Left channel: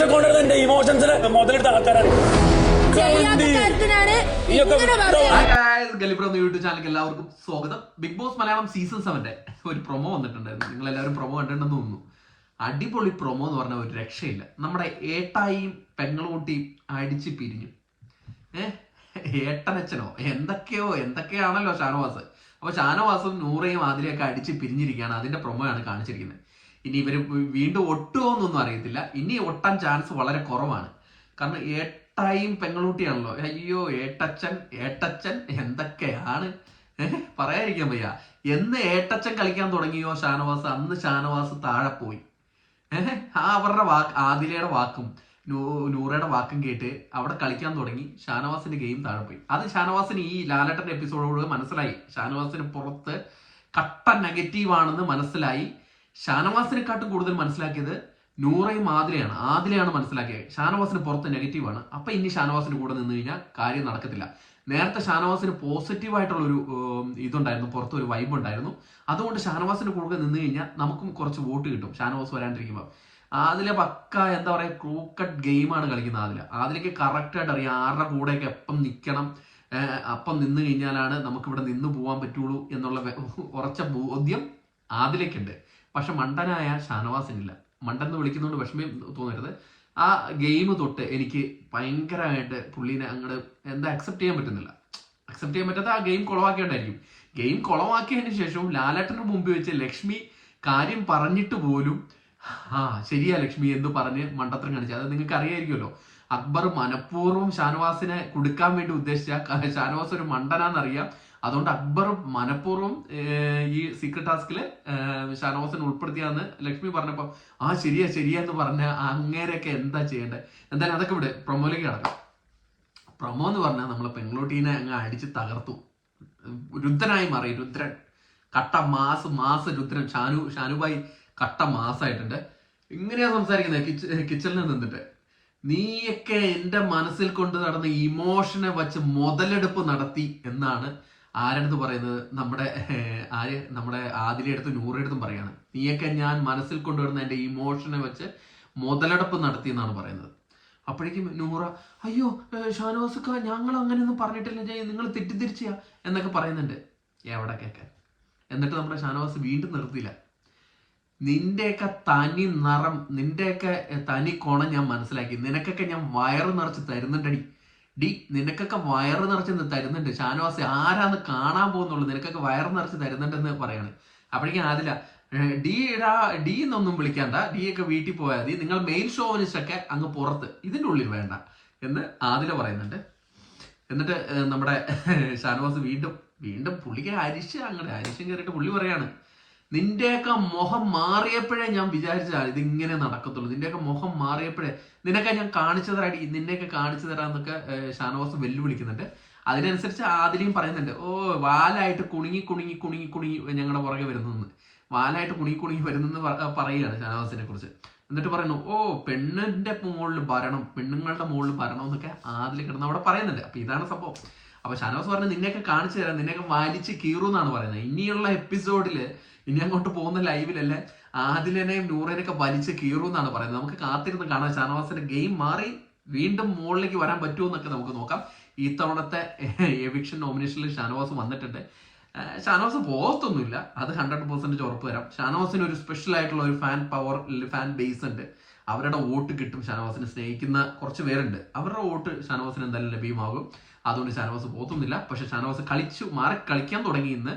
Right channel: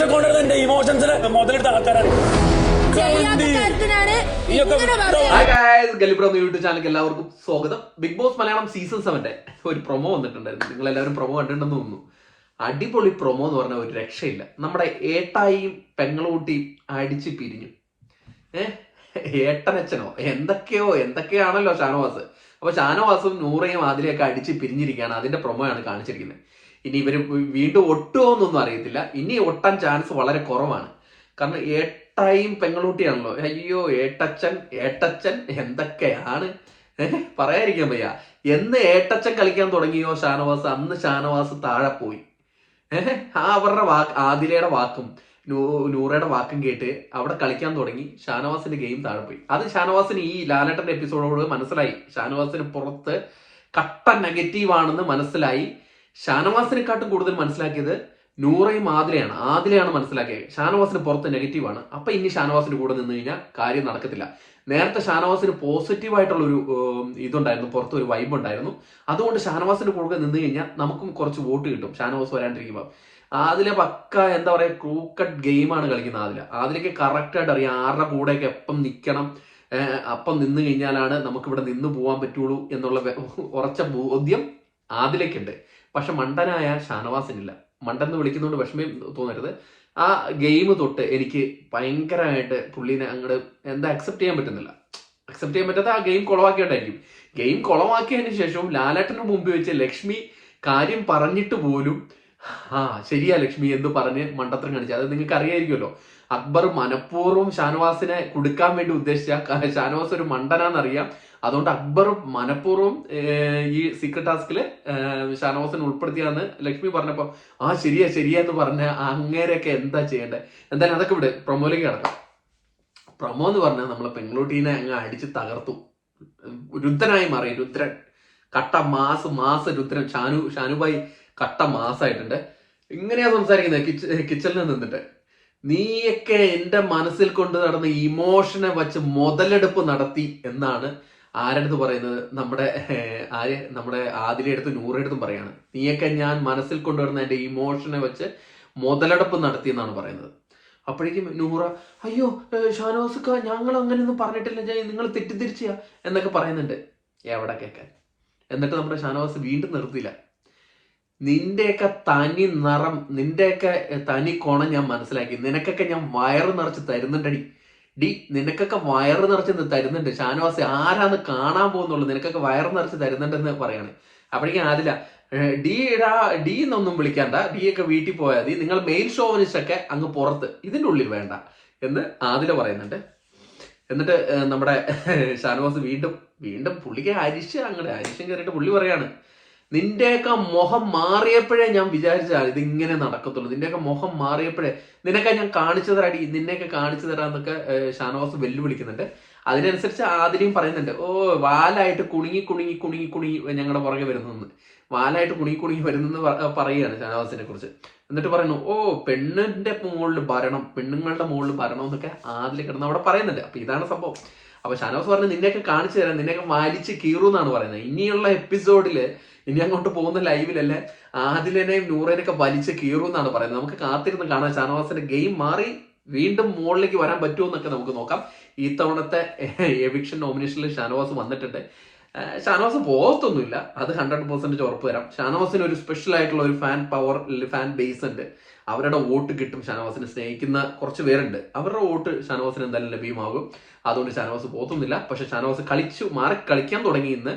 മനസ്സിൽ കൊണ്ടുവരുന്ന എന്റെ ഇമോഷൻസിന് മുതലെടുത്ത ആൾക്കാരാണ്. ഗലിബ്രോ യൂട്യൂബ് ചാനലിലേക്ക് എല്ലാവർക്കും സ്വാഗതം. ബിഗ് ബോസ് മലയാളം സീസൺ 7 ഒരു പ്രൊമോ വന്നിട്ടുണ്ടായിരുന്നു. നിങ്ങൾ എല്ലാവരും പ്രൊമോ കണ്ടിട്ടുണ്ടെന്ന് തോന്നുന്നു. അടിപൊളി പ്രൊമോ എന്ന് പറഞ്ഞാൽ ഒരു രക്ഷയില്ല. നമ്മുടെ ഏട്ടായിയും പെങ്ങളൂട്ടിയും അടിച്ച് പിരിഞ്ഞു. ഏട്ടനച്ഛനോ എന്തൊക്കെയാണല്ലോ ഷാനവാസ്. അപ്പൊ ഷാനവാസും നൂറയും ആദിലയൊക്കെ അടിച്ച് പിരിഞ്ഞിരിക്കുകയാണ്. അതിന്റെ പ്രൊമോയാണ് കാണിച്ചിരിക്കുന്നത്. ഇനി ഇവര് വീണ്ടും ഒട്ടുമോ എന്നൊന്നും അറിയത്തില്ല. ഇനി ഒട്ടാൻ ചാൻസ് വളരെ കുറവാണ്. കാരണം ഏട്ടായും പെങ്ങളൂട്ടിയാണല്ലോ. അയ്യോ ഏട്ടച്ചൻ എന്തൊക്കെയാണ് പറയാതിരിക്കാൻ വയ്യ. എന്ന് ഏട്ടച്ചൻ കളിക്കാൻ തുടങ്ങിയോ ഷാനവാസ്, അന്ന് ഷാനവാസ് താഴെ പോയി. അവരുടെ ആദിലയുടെ വാക്കും നൂറയുടെ വാക്കും കേട്ട് അവിടെ കളിക്കാൻ തുടങ്ങി. ഷാനവാസിന്റെ ഗെയിം താഴെ പോയി. അത് ഷാനവാസിന് ഈ ലാലേട്ടന്റെ എപ്പിസോഡോട് മനസ്സിലായി. ഷാനവാസിന് പുറത്ത് കട്ട നെഗറ്റീവ് ആണെന്ന് മനസ്സിലായി. ഷാനവാസിനെക്കാട്ടും കൂടുതൽ മനസ്സിലാക്കിയത് നൂറയും ആദിലയാണ് മനസ്സിലാക്കിയത്. ഷാനവാസിന് പുറത്ത് നെഗറ്റീവാണ്. അപ്പൊ ഇനി ഷാനവാസിന്റെ കൂടെ നിന്ന് കഴിഞ്ഞാൽ കാര്യം നടക്കത്തില്ല. നേരത്തെ ഷാനവാസിന് പോസിറ്റീവായിട്ടുള്ള ഒരു ഇതുണ്ടായിരുന്നു, പുറത്ത് ഒരു വൈബ് ഉണ്ടായിരുന്നു. അതുകൊണ്ട് ഷാനവാസിന്റെ കൂടെ നിന്ന് കഴിഞ്ഞാൽ നമുക്കും കുറച്ച് വോട്ട് കിട്ടും. ഷാനവാസ് വരാണ്ടിരിക്കുമ്പോൾ ആദിലെ പക്ക എന്താ പറയാ ക്രൂക്കട്ട് ഗെയിമാണ് കളിക്കുന്നത്. ആദിലേക്ക് കറക്റ്റായിട്ട് അറിയാം ആരുടെ കൂടെയൊക്കെ എപ്പം നിൽക്കണം, അപ്പം നിന്ന് കഴിഞ്ഞാലാണ് നമുക്കിവിടെ നിന്ന് പോകാൻ പറ്റുള്ളൂ എന്നുള്ള ഉറച്ച ബോധ്യം ആദിലേക്കുണ്ട്. പക്ഷെ മണ്ടനായ ഷാനവാസിനില്ല. മണ്ടെന്ന് വിളിക്കുന്നതുകൊണ്ട് വിഷമം തോന്നരുത്. ആ ഗെയിം തൊട്ട് എനിക്ക് ഭയങ്കരമായിട്ട് പുള്ളീനെ അങ്ങോട്ട് അക്സെപ്റ്റ് ചെയ്യാൻ പറ്റുന്നില്ല. അക്സെപ്റ്റ് ചെയ്യാൻ പറ്റാത്ത ആ ഗെയിം കുളവാക്കിയോണ്ടായിരിക്കും. ഗെയിം കുളവാക്കിയതിന് ശേഷവും ലാലേട്ടന് മുമ്പ് വെച്ച് ലക്ഷ്മി കാര്യം പറഞ്ഞിട്ട് പോലും ശരിയാ ലക്ഷ്മി എന്ന് പറഞ്ഞ് മണ്ടത്തരം കാണിച്ചു. അത് നിങ്ങൾക്ക് അറിയായിരിക്കുമല്ലോ. അക്ബർ മനഃപൂർവ്വം ഷാനവാസിനെ കൊടുക്കാൻ വേണ്ടി ഉദ്ദേശിച്ച ഷാനവാസ് ഒരു മണ്ടനാന്നറിയാം. അതുകൊണ്ട് അക്ബർ മനഃപൂർവ്വം ഈ സീക്രട്ട് ടാസ്കില് ഷാനവാസിനെ ഉൾപ്പെടുത്തിയാന്ന് ലക്ഷ്മി പറഞ്ഞപ്പോ ശരിയാ എന്ന് പറഞ്ഞ അങ്ങേരെയൊക്കെ എന്താ ചെയ്യേണ്ടത്. എന്തായാലും അതൊക്കെ ഇവിടെ പ്രൊമോയിലേക്ക് കിടക്കാം. പ്രൊമോ എന്ന് പറഞ്ഞാൽ നമ്മളെ പെങ്ങളൂട്ടീനെ അങ്ങ് അടിച്ച് തകർത്തു. രുദ്രനായി മാറി. രുദ്രൻ കട്ട മാസ് രുദ്രൻ. ഷാനുഭായി കട്ട മാസായിട്ടുണ്ട്. ഇങ്ങനെയാ സംസാരിക്കുന്നത് കിച്ചണിൽ നിന്നിട്ട്. നീയൊക്കെ എന്റെ മനസ്സിൽ കൊണ്ട് നടന്ന ഇമോഷനെ വച്ച് മുതലെടുപ്പ് നടത്തി എന്നാണ് ആരടുത്ത് പറയുന്നത്. നമ്മുടെ ആദിലയെടുത്തും നൂറെടുത്തും പറയാണ്. നീയൊക്കെ ഞാൻ മനസ്സിൽ കൊണ്ടുവരുന്ന എന്റെ ഇമോഷനെ വെച്ച് മുതലെടുപ്പ് നടത്തി എന്നാണ് പറയുന്നത്. അപ്പോഴേക്കും നൂറ അയ്യോ ഷാനവാസുക്ക ഞങ്ങൾ അങ്ങനെയൊന്നും പറഞ്ഞിട്ടില്ല, നിങ്ങൾ തെറ്റിദ്ധരിച്ച എന്നൊക്കെ പറയുന്നുണ്ട്. എവിടെ കേൾക്കാൻ. എന്നിട്ട് നമ്മുടെ ഷാനവാസ് വീണ്ടും നിർത്തിയില്ല. നിന്റെയൊക്കെ തനി നിറം, നിന്റെയൊക്കെ തനി കോണം ഞാൻ മനസ്സിലാക്കി. നിനക്കൊക്കെ ഞാൻ വയറ് നിറച്ച് തരുന്നുണ്ടടി. നിനക്കൊക്കെ വയറ് നിറച്ച് തരുന്നുണ്ട്. ഷാനവാസ് ആരാന്ന് കാണാൻ പോകുന്നുള്ളൂ. നിനക്കൊക്കെ വയറ് നിറച്ച് തരുന്നുണ്ടെന്ന് പറയാണ്. അപ്പോഴേക്കും ആദില ഡി എന്നൊന്നും വിളിക്കാണ്ട, ഒക്കെ വീട്ടിൽ പോയാൽ മതി, നിങ്ങൾ മെയിൽ ഷോവനിസ്റ്റൊക്കെ അങ്ങ് പുറത്ത്, ഇതിൻ്റെ ഉള്ളിൽ വേണ്ട എന്ന് ആദില പറയുന്നുണ്ട്. എന്നിട്ട് നമ്മുടെ ഷാനവാസ് വീണ്ടും പുള്ളിക്ക് അരിശം കയറിയിട്ട് പുള്ളി പറയാണ്, നിന്റെയൊക്കെ മുഖം മാറിയപ്പോഴേ ഞാൻ വിചാരിച്ചാൽ ഇതിങ്ങനെ നടക്കത്തുള്ളൂ. നിന്റെയൊക്കെ മുഖം മാറിയപ്പോഴേ നിനക്കെ ഞാൻ കാണിച്ചു തരാടി, നിന്നെയൊക്കെ കാണിച്ചു തരാന്നൊക്കെ ഷാനവാസ് വെല്ലുവിളിക്കുന്നുണ്ട്. അതിനനുസരിച്ച് ആദിലയും പറയുന്നുണ്ട്, വാലായിട്ട് കുണുങ്ങി ഞങ്ങളുടെ പുറകെ വരുന്നെന്ന്. വാലായിട്ട് കുണുങ്ങി വരുന്നെന്ന് പറയുകയാണ് ഷാനവാസിനെ കുറിച്ച്. എന്നിട്ട് പറയുന്നു പെണ്ണിന്റെ മുകളിൽ ഭരണം, പെണ്ണുങ്ങളുടെ മുകളിൽ ഭരണം എന്നൊക്കെ ആദില കിടന്ന് അവിടെ പറയുന്നുണ്ട്. അപ്പൊ ഇതാണ് സംഭവം. അപ്പൊ ഷാനവാസ് പറഞ്ഞു നിന്നെയൊക്കെ കാണിച്ചു തരാം, നിന്നെയൊക്കെ വലിച്ച് കീറുന്നാണ് പറയുന്നത്. ഇനിയുള്ള എപ്പിസോഡില് ഇനി അങ്ങോട്ട് പോകുന്ന ലൈവിലല്ലേ ആദിലിനെയും നൂറേനെയൊക്കെ വലിച്ച് കീറുന്നാണ് പറയുന്നത്. നമുക്ക് കാത്തിരുന്ന് കാണാം ഷാനവാസിന്റെ ഗെയിം മാറി വീണ്ടും മുകളിലേക്ക് വരാൻ പറ്റുമോ എന്നൊക്കെ നമുക്ക് നോക്കാം. ഈ തവണത്തെ എവിക്ഷൻ നോമിനേഷനിൽ ഷാനവാസ് വന്നിട്ടുണ്ട്. ഷാനവാസ് പോകത്തൊന്നുമില്ല, അത് 100% ഉറപ്പ് തരാം. ഷാനവാസിന് ഒരു സ്പെഷ്യൽ ആയിട്ടുള്ള ഒരു ഫാൻ ബേസ് ഉണ്ട്. അവരുടെ വോട്ട് കിട്ടും. ഷാനവാസിനെ സ്നേഹിക്കുന്ന കുറച്ച് പേരുണ്ട്. അവരുടെ വോട്ട് ഷാനവാസിന് എന്തായാലും ലഭ്യമാകും. അതുകൊണ്ട് ഷാനവാസ് പോകത്തൊന്നുമില്ല. പക്ഷെ ഷാനവാസ് കളിക്കാൻ തുടങ്ങി. ഇന്ന്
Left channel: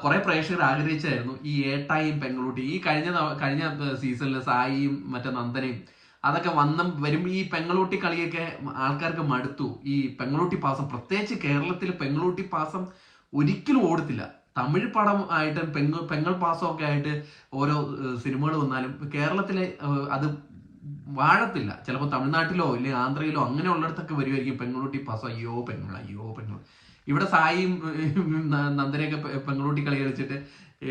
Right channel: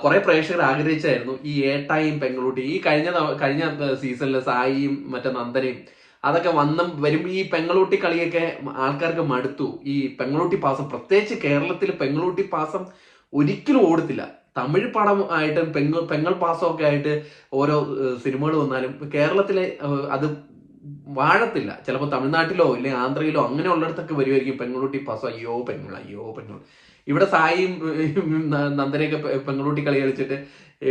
കുറെ പ്രേക്ഷകർ ആഗ്രഹിച്ചായിരുന്നു ഈ ഏട്ടായും പെങ്ങളൂട്ടി. ഈ കഴിഞ്ഞ സീസണിൽ സായിയും മറ്റേ നന്ദനയും അതൊക്കെ വരുമ്പോൾ ഈ പെങ്ങളൂട്ടി കളിയൊക്കെ ആൾക്കാർക്ക് മടുത്തു. ഈ പെങ്ങളൂട്ടി പാസം, പ്രത്യേകിച്ച് കേരളത്തിൽ പെങ്ങളൂട്ടി പാസം ഒരിക്കലും ഓടത്തില്ല. തമിഴ് പടം ആയിട്ടും പെങ്ങൾ പാസമൊക്കെ ആയിട്ട് ഓരോ സിനിമകൾ വന്നാലും കേരളത്തിലെ അത് വാഴത്തില്ല. ചിലപ്പോൾ തമിഴ്നാട്ടിലോ ഇല്ലെങ്കിൽ ആന്ധ്രയിലോ അങ്ങനെ ഉള്ളിടത്തൊക്കെ വരുമായിരിക്കും പെങ്ങളൂട്ടി പാസം. അയ്യോ പെങ്ങൾ. ഇവിടെ സായിയും നന്ദനയൊക്കെ പെങ്ങളൂട്ടി കളി കളിച്ചിട്ട്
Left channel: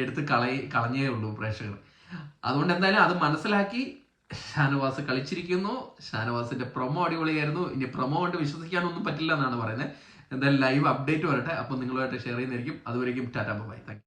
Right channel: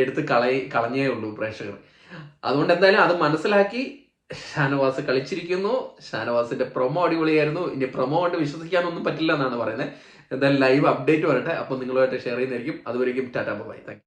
എടുത്ത് കളഞ്ഞേ ഉള്ളൂ പ്രേക്ഷകർ. അതുകൊണ്ട് എന്തായാലും അത് മനസ്സിലാക്കി ഷാനവാസ് കളിച്ചിരിക്കുന്നു. ഷാനവാസിന്റെ പ്രൊമോ അടിപൊളിയായിരുന്നു. ഇനി പ്രൊമോ കൊണ്ട് വിശ്വസിക്കാനൊന്നും പറ്റില്ല എന്നാണ് പറയുന്നത്. എന്തായാലും ലൈവ് അപ്ഡേറ്റ് വരട്ടെ. അപ്പോൾ നിങ്ങളുമായിട്ട് ഷെയർ ചെയ്യുന്നതായിരിക്കും. അതുവരെയും ടാറ്റാ ബൈ. Thank you.